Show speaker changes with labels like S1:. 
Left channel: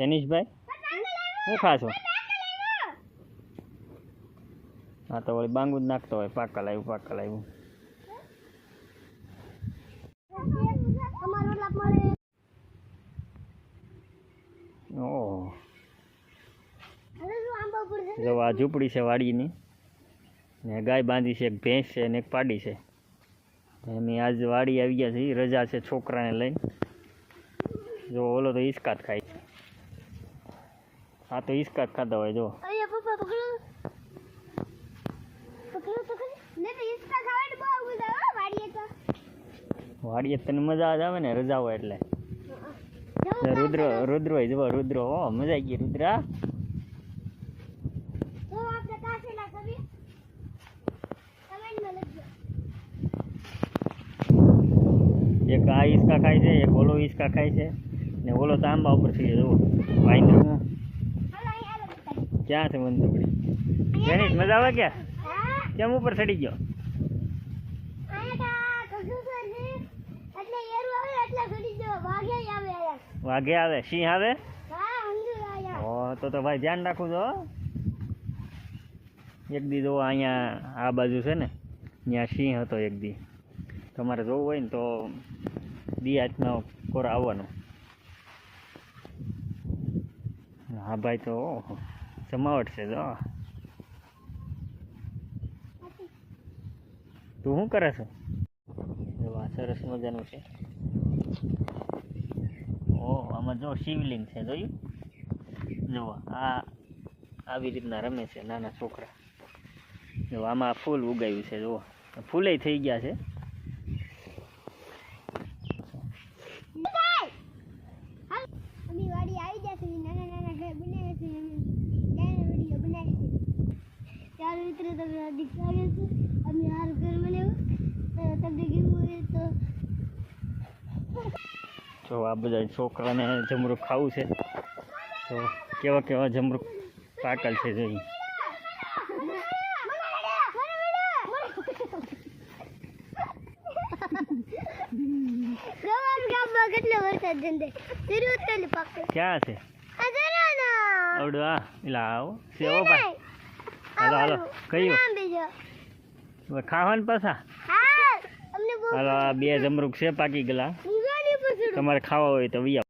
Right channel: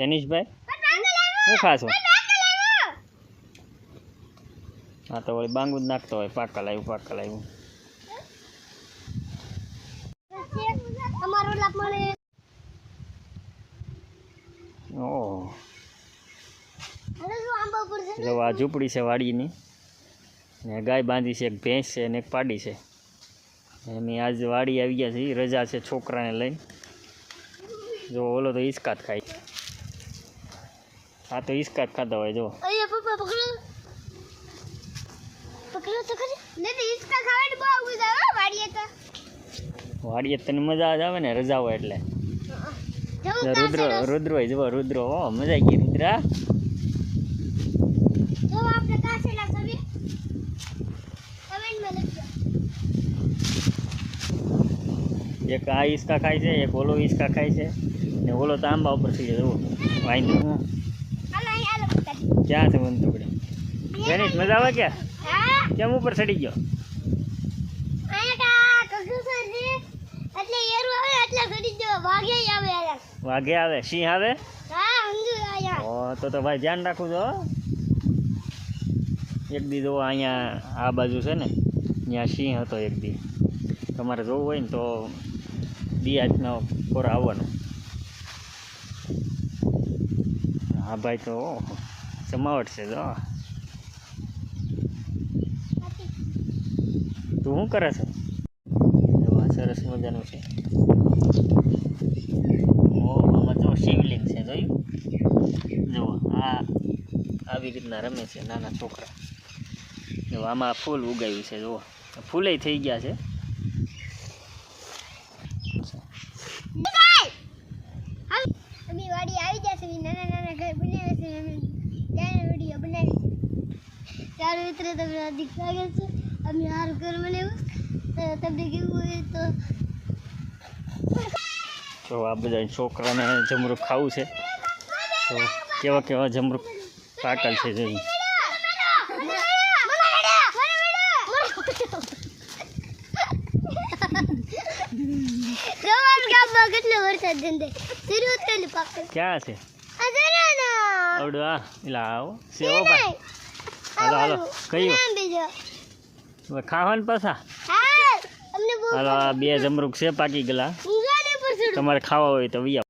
S1: જેનીશભાઈ શું ખાશો? હા, તો વળી બાંગુ જ નાખતો હોય, પાકા લાવ્યું પાકા લાવ્યું. જો આ ઝૂંપડી છે વાડીની, ને ગાય બાંધી છે, એક ભેંસ છે ને એક પાડી છે. એમની આજ વાડી આવી ગયા છે રજા છે છોકરાને લઈને. જો ઓલો તો હિસકાત ખાય. આ તો ઈસકા ખાધા હોય જો.
S2: અરે પપ્પા પકડો. પકડો તો ખરી. નહીં હિંચકા ખાવાની બહુ મજા આવે વાડીએ તો.
S1: વાડીએ તને મજા જ આવે ને રજા હોય એટલે. રુદ્ર રુદ્ર હોય જો રુદ્ર હો મજા આવી ગઈ રુદ્રા.
S2: જો આપણે કાસેલા કરીએ કમેન્ટમાં લખજો.
S1: એક આ ઈસકા ખાય છે એક ઓલો ઈસકા ખાય છે ને ઓલો તો આંબા ઉપર થઈ જાય
S2: આલો બધા
S1: ક્યાં છે વંતુકડી જેની મજા આવે
S2: ક્યાં?
S1: કેમ ઉપર ચડી ગયો? વાઘે આવે, સિંહ આવે? તો તો ભાઈ ધ્યાન રાખું છો એક દી જો અહીંયા આ બાજુ છે ને, ત્યાં સિંહ હતો એક દી. તમારે જોવું હોય ને તો દિયાજનો કોર આવવાનો. હા, ભાઈ તો ઓહો, જમાવટ છે જો તું શું કરે છે? જો સરસ મજાનું છે. ઓ આમાં જો શિવલિંગ છે જોયું? જો આ આવી રીતના રમે છે નાના છોકરા. જો આમાં ફૂલ ઉગાવ્યું છે જુઓ ફૂલે થઈ ગયા છે
S2: અમે વાડી આવી જશે નાના નાના ઘર બનાવ્યા છે અમે ત્યારે વીડિયો બનાવી ત્યારે મિત્ર તમને હાર્દિક સ્વાગત છે. અમે હાર ઘર બનાવ્યું. તો તમને કેવું હોય તો
S1: તો આ બધા છોકરાને જમરૂખ ખાવું છે. તો કેવા કેવા જમરૂખ પાટલ છે જોઈ. ક્યાં છે?
S2: ના.
S1: આવડું આ. એલા આવો. સેવો ભાઈ હાલો હાલો. કયું હવે ખાવાનું પાછા? હાલો આ બે જમરૂક છે પાકી ગયેલા. તમારે ખાવા હોય તો વી આવો.